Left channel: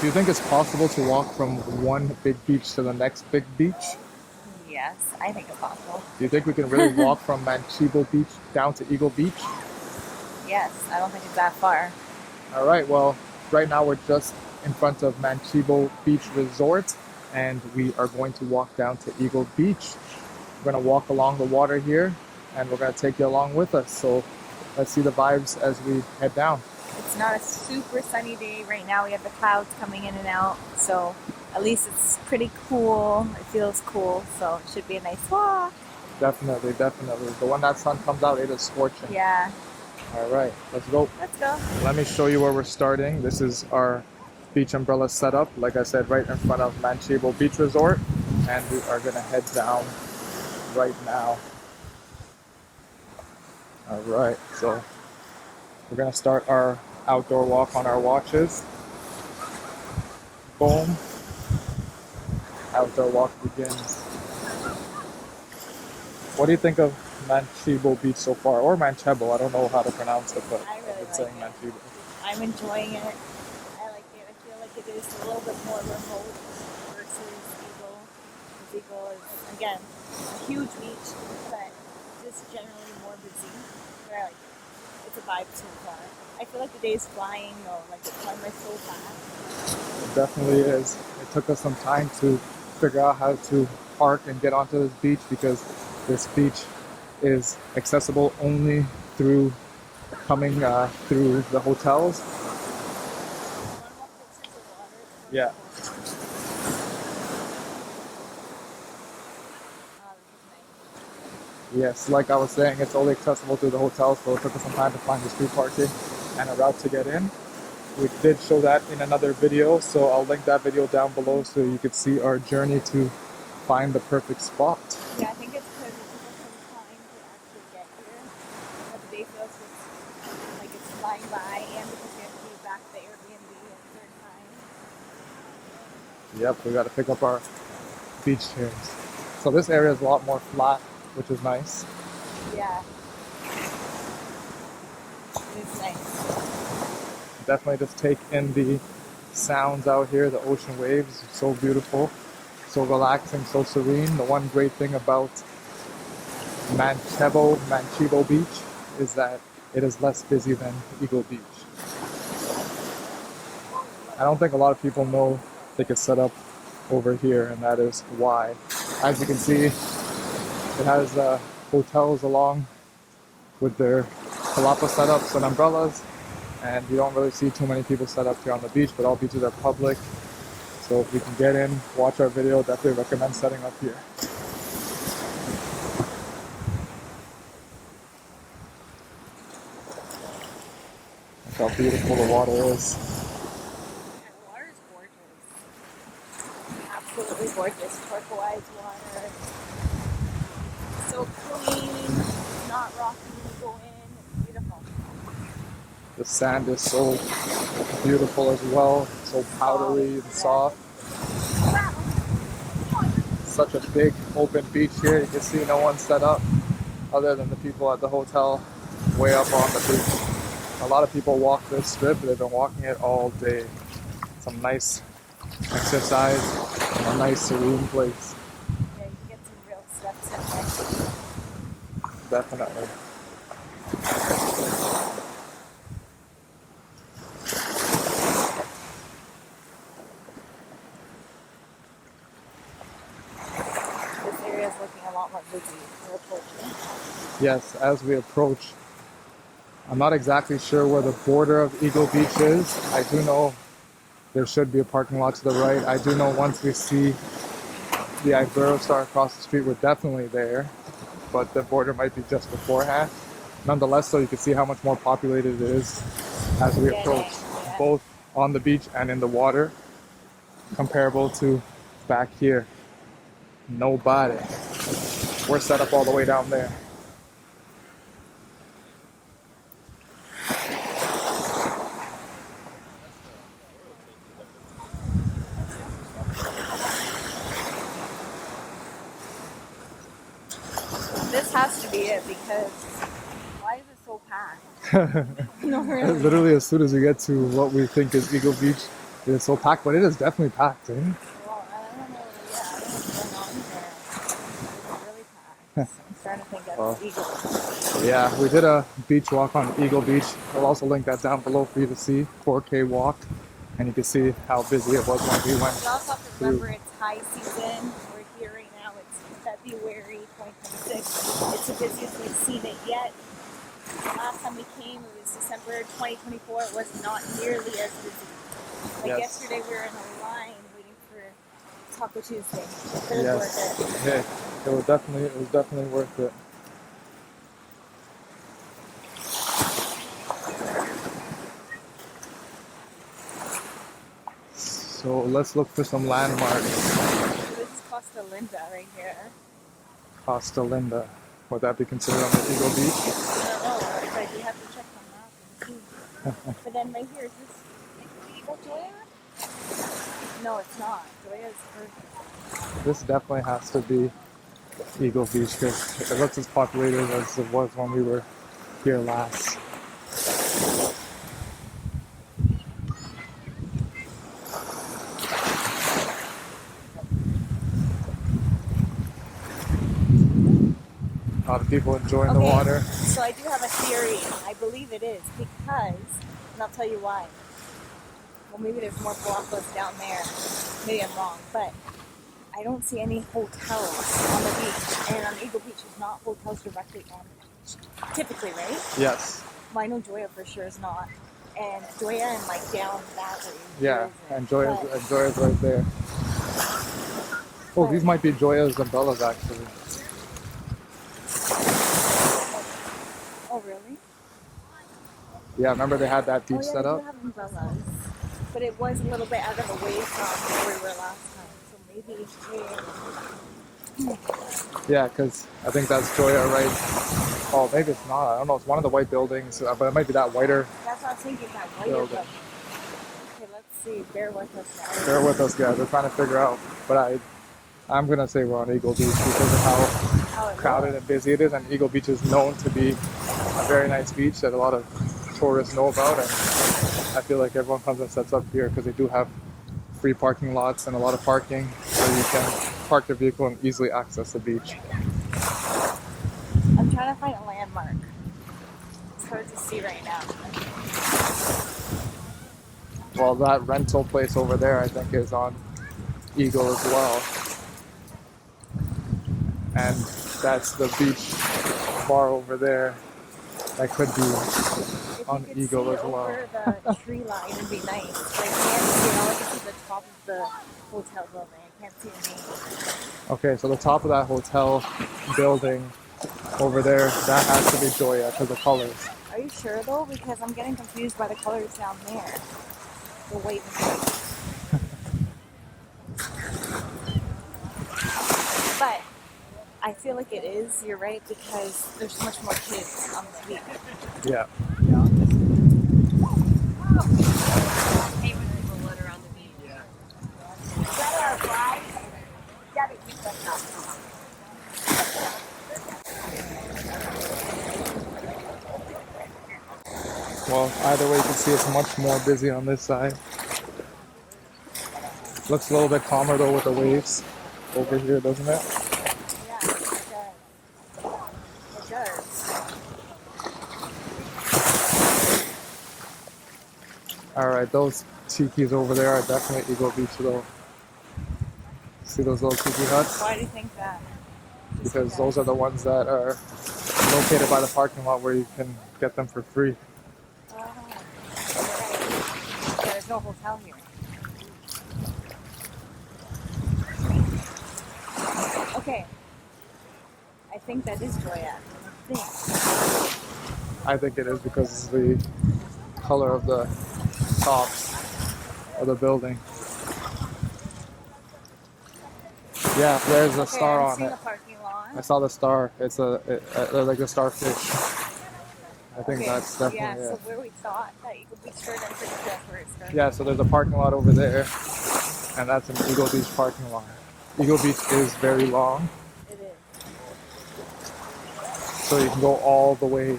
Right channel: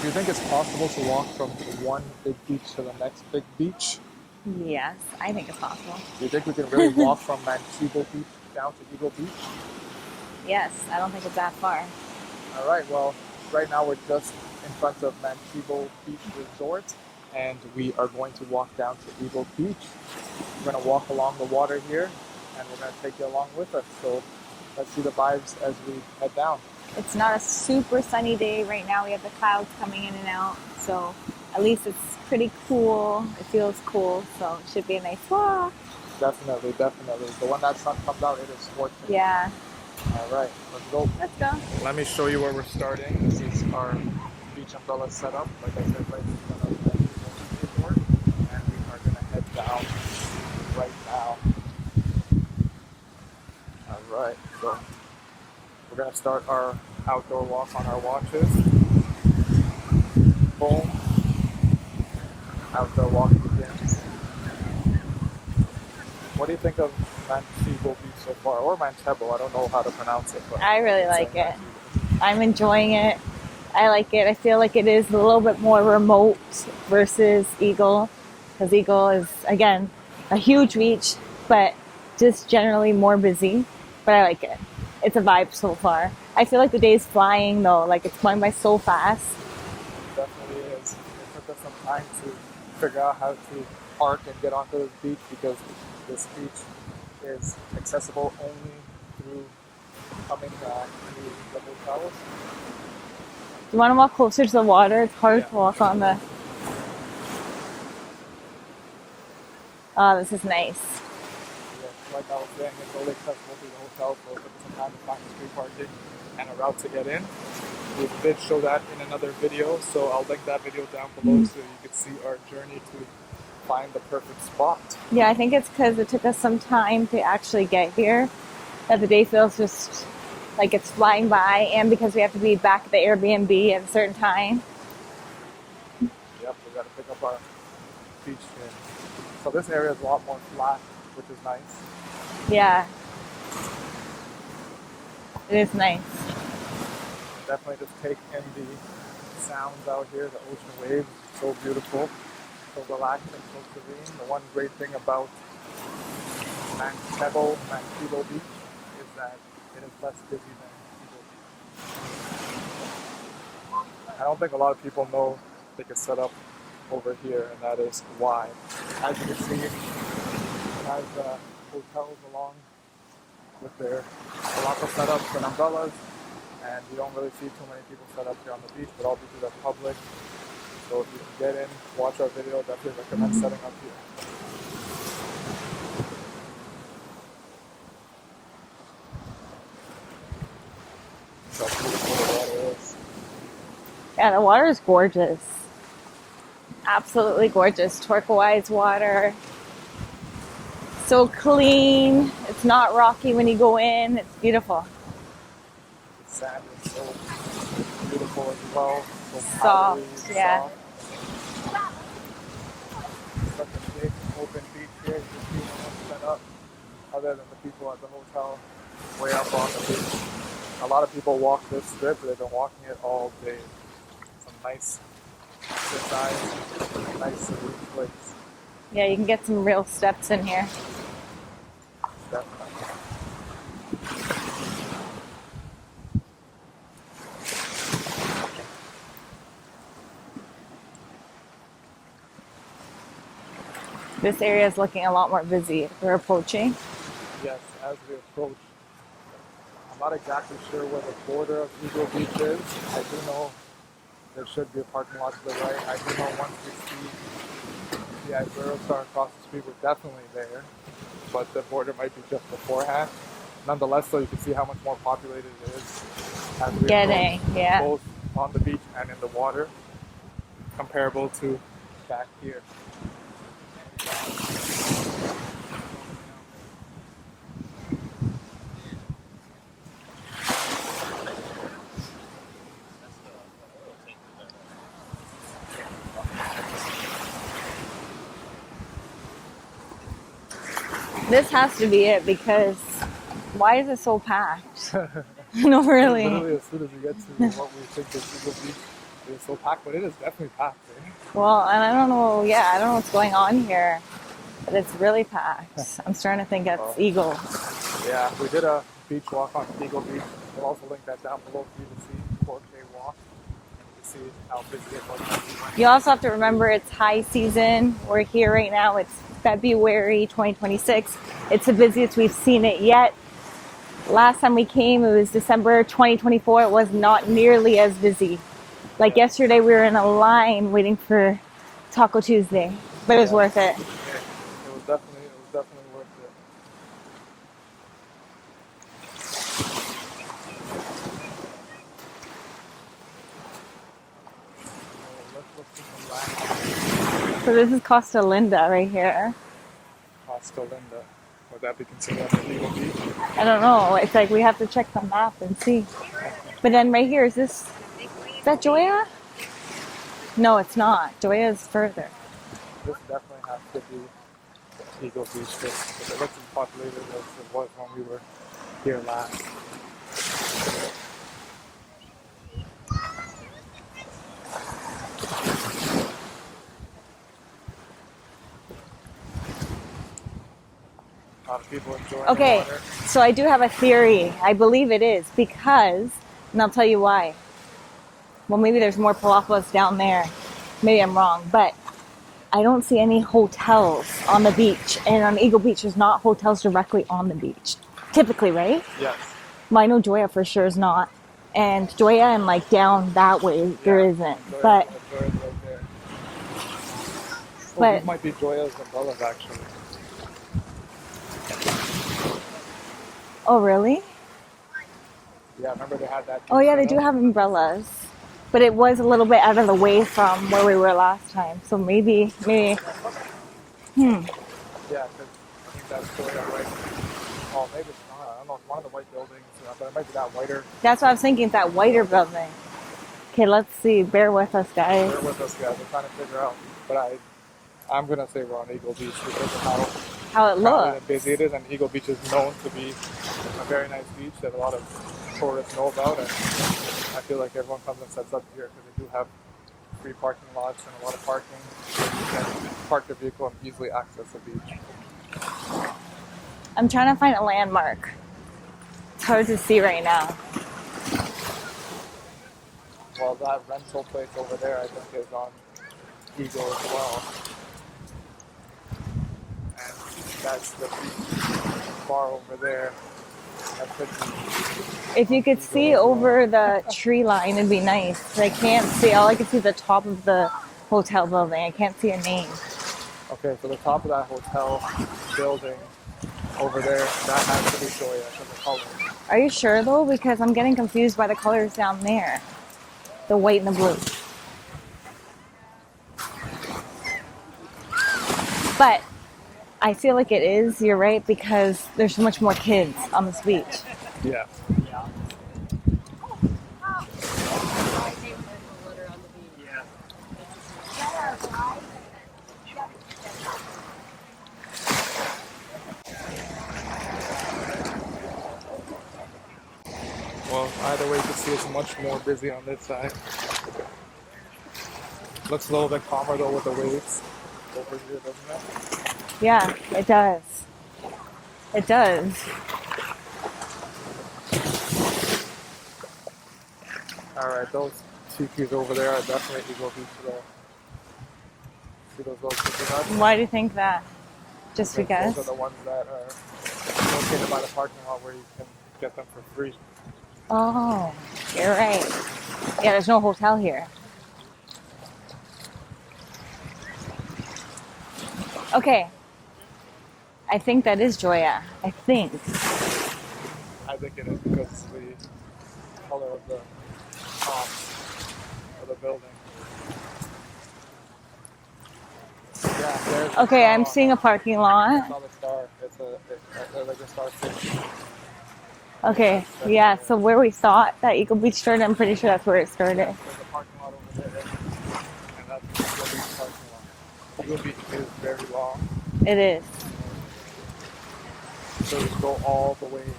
Do you think it's possible to walk from one big beach to the next big beach? Yes, I think it's possible. Do you think we can really walk from Manchebo Beach down to Eagle Beach? Yes, I don't think it's that far. All right, well, right now we're just in front of Manchebo Beach Resort, and we are going to walk down to Eagle Beach. We're going to walk along the water here, and we're going to take you along with us. So let's see the vibes as we head down. It's not a super sunny day right now. We have the clouds coming in and out, so at least it's pretty cool. It feels cool, so it should be a nice walk. Definitely, definitely. But when that sun comes out, it is scorching. Yeah. All right, let's go. Let's go. Let me show you where we're starting. This is our beach umbrella setup. Like I said, right in front of Manchebo Beach Resort. And we are gonna head down right now. All right, so we're gonna start our outdoor walk on our watches. Boom. Outdoor walk begins. What do you think of Manchebo Beach so far? Or Manchebo, I don't know how to pronounce it. But I really like it. Manchebo. I'm enjoying it. I like it. I feel like it is a little bit more remote versus Eagle, because Eagle is, again, a huge beach, but just generally more busy. But I like it. It's a vibe so far. I feel like the day's flying though, like it's going by so fast. It definitely is. It took us some time to figure out how to park and get onto this beach because this beach is accessible only through coming through the hotels. You want to walk closer to the water? It's hard to walk on the... Oh, this is nice. Yes, like I was saying, it's only accessible through the hotels, so it took us some time to find the street parking and a route to get in. We did show that in another video, so I'll link that video down below so you can see our journey to find the perfect spot. Yeah, I think it's because it took us some time to actually get here that the day feels just like it's flying by, and because we have to be back at the Airbnb at a certain time. Yep, we got to pick up our beach chairs. So this area is a lot more flat, which is nice. Yeah. It is nice. Definitely just take in the sounds out here, the ocean waves, so beautiful, so relaxing, so serene. The one great thing about Manchebo Beach is that it is less busy than Eagle Beach. I don't think a lot of people know they could set up over here, and that is why. As you can see, it has hotels along with their palapa setups and umbrellas, and you don't really see too many people set up here on the beach, but all beaches are public. So if you can get in, watch our video, definitely recommend setting up here. That's how beautiful the water is. Yeah, the water is gorgeous. Absolutely gorgeous. Turquoise water. So clean. It's not rocky when you go in. It's beautiful. The sand is so beautiful as well. So powdery and soft. Such a big open beach here. You can see no one set up other than the people at the hotel way up on the beach. A lot of people walk this strip, but they've been walking it all day. Some nice exercise and a nice serene place. Yeah, you can get some real steps in here. Definitely. This area is looking a lot more busy. We're approaching. Yes, as we approach. I'm not exactly sure where the border of Eagle Beach is. I do know there should be a parking lot to the right. I do know once we see the Iberostar Star across the street, we're definitely there. But the border might be just beforehand. Nonetheless, though, you can see how much more populated it is as we approach, both on the beach and in the water, comparable to back here. Nobody. We're set up all the way down there. This has to be it, because why is it so packed? No, really. Literally, as soon as we get to what we think is Eagle Beach, It's so packed, but it is definitely packed, eh? Well, and I don't know. Yeah, I don't know what's going on here, but it's really packed. I'm starting to think it's Eagle. Yeah, we did a beach walk on Eagle Beach. I'll also link that down below for you to see. 4K walk, and you can see how busy it was when we went. You also have to remember it's high season. We're here right now. It's February 2026. It's the busiest we've seen it yet. Last time we came, it was December 2024. It was not nearly as busy. Like yesterday, we were in a line waiting for Taco Tuesday, but it was worth it. Yeah, it was definitely worth it. So let's look for some landmarks. So this is Costa Linda right here. Costa Linda. Would that be considered on the Eagle Beach? I don't know. It's like we have to check the map and see. But then right here, is that Joya? No, it's not. Joya is further. This definitely has to be Eagle Beach because it looks as populated as it was when we were here last. A lot of people enjoying the water. So I do have a theory. I believe it is because, and I'll tell you why. Well, maybe there's more palapas down there. Maybe I'm wrong, but I don't see any hotels on the beach. And on Eagle Beach, there's not hotels directly on the beach. Typically, right? Yes. Well, I know Joya for sure is not. And Joya and like down that way, there isn't. And Joya's right there. Oh, these might be Joya's umbrellas actually. Oh, really? Yeah, remember they had that. Oh, yeah, they do have umbrellas. But it was a little bit out of the way from where we were last time. So maybe. Yeah, because I think that's Joya, right? Oh, maybe it's not. I don't know. It's one of the white buildings, but it might be that whiter. That's what I was thinking, that whiter building. Okay, let's see. Bear with us, guys. Bear with us, guys. We're trying to figure out. But I'm going to say we're on Eagle Beach because of how it looks. How busy it is. And Eagle Beach is known to be a very nice beach that a lot of tourists know about. And I feel like everyone comes and sets up here because they do have free parking lots and a lot of parking where you can park your vehicle and easily access the beach. I'm trying to find a landmark. It's hard to see right now. Well, that rental place over there, I think, is on Eagle as well. And that's the beach bar over there. That could be. If you could see over the tree line, it'd be nice. I can't see. All I can see is the top of the hotel building. I can't see a name. Okay, so the top of that hotel building over there, that has to be Joya because the colors. Are you sure though? Because I'm getting confused by the colors down there. The white and the blue. But I feel like it is, you're right, because there's so much more kids on this beach. Yeah. Well, either way, you can see it's much more busy on this side. Looks a little bit calmer though with the waves over here, doesn't it? Yeah, it does. It does. Alright, those tikis over there are definitely Eagle Beach though. See those little tiki huts? Why do you think that? Just because? Those are the ones that are located by the parking lot where you can get them for free. Oh, you're right. Yeah, there's no hotel here. Okay. I think that is Joya. I think. I think it is because the color of the tops of the building. Yeah, there's a okay, I'm seeing a parking lot. I saw the star. It's like a starfish. Okay, yeah, so where we thought that Eagle Beach started, I'm pretty sure that's where it started. Yeah, so there's a parking lot over there, and that's an Eagle Beach parking lot. Eagle Beach is very long. It is. So you can go all the way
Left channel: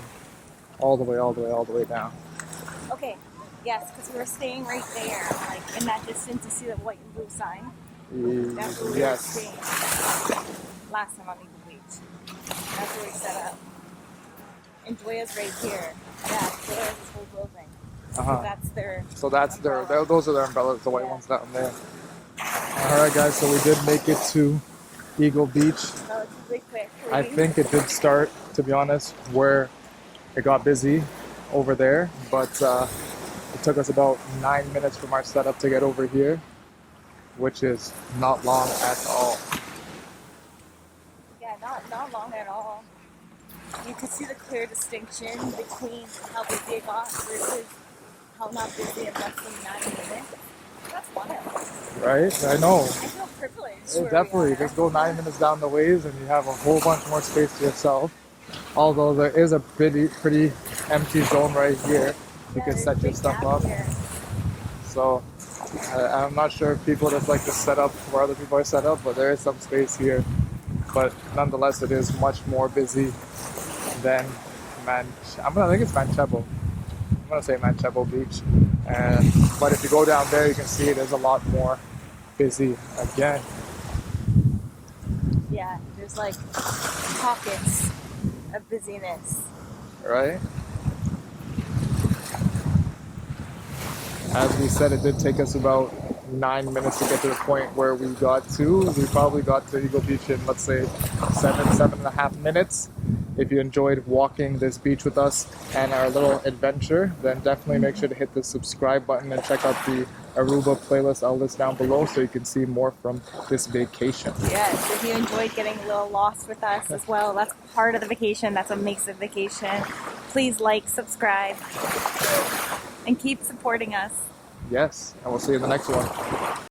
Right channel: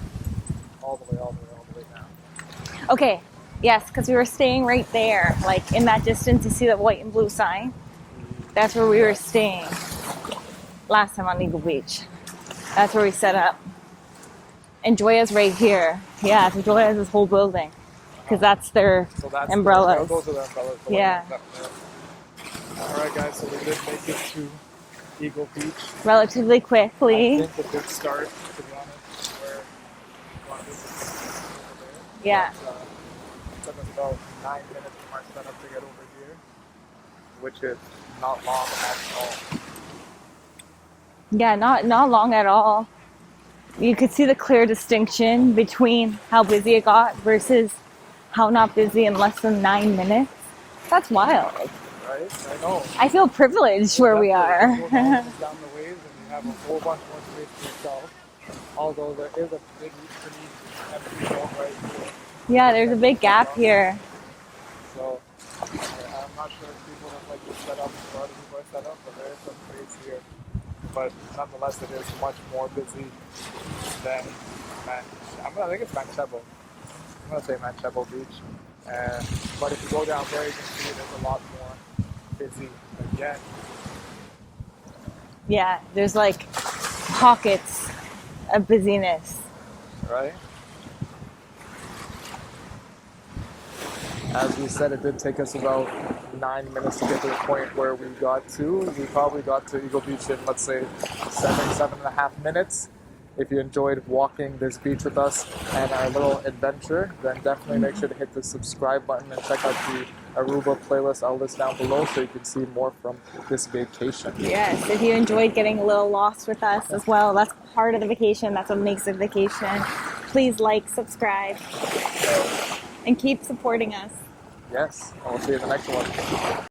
down. Okay, Yes, because we were staying right there. Like in that distance, you see that white and blue sign? That's where we were Yes. staying last time on Eagle Beach. That's where we set up. And Joya's right here. Yeah, so Joya has this whole building. Because that's their So that's umbrellas. those are their umbrellas, the white Yeah. ones down there. Alright guys, so we did make it to Eagle Beach. Relatively quickly. I think it did start, to be honest, where it got busy over there. Yeah. But it took us about 9 minutes from our setup to get over here, which is not long at all. Yeah, not long at all. You could see the clear distinction between how busy it got versus how not busy in less than 9 minutes. That's wild. Right? I know. I feel privileged Well, where we definitely. are. Just go 9 minutes down the waves and you have a whole bunch more space to yourself. Although there is a pretty empty zone right here. Yeah, You can there's a set your big stuff gap up. here. So I'm not sure if people just like to set up where other people are set up, but there is some space here. But nonetheless, it is much more busy than I think it's Manchebo. I'm gonna say Manchebo Beach. But if you go down there, you can see it is a lot more busy again. Yeah, there's like pockets of busyness. Right? As we said, it did take us about 9 minutes to get to the point where we got to. We probably got to Eagle Beach in, let's say, 7.5 minutes. If you enjoyed walking this beach with us and our little adventure, then definitely make sure to hit the subscribe button and check out the Aruba playlist I'll list down below so you can see more from this vacation. Yes, if you enjoyed getting a little lost with us as well, that's part of the vacation. That's what makes it vacation. Please like, subscribe, and keep supporting us. Yes, and we'll see you in the next one.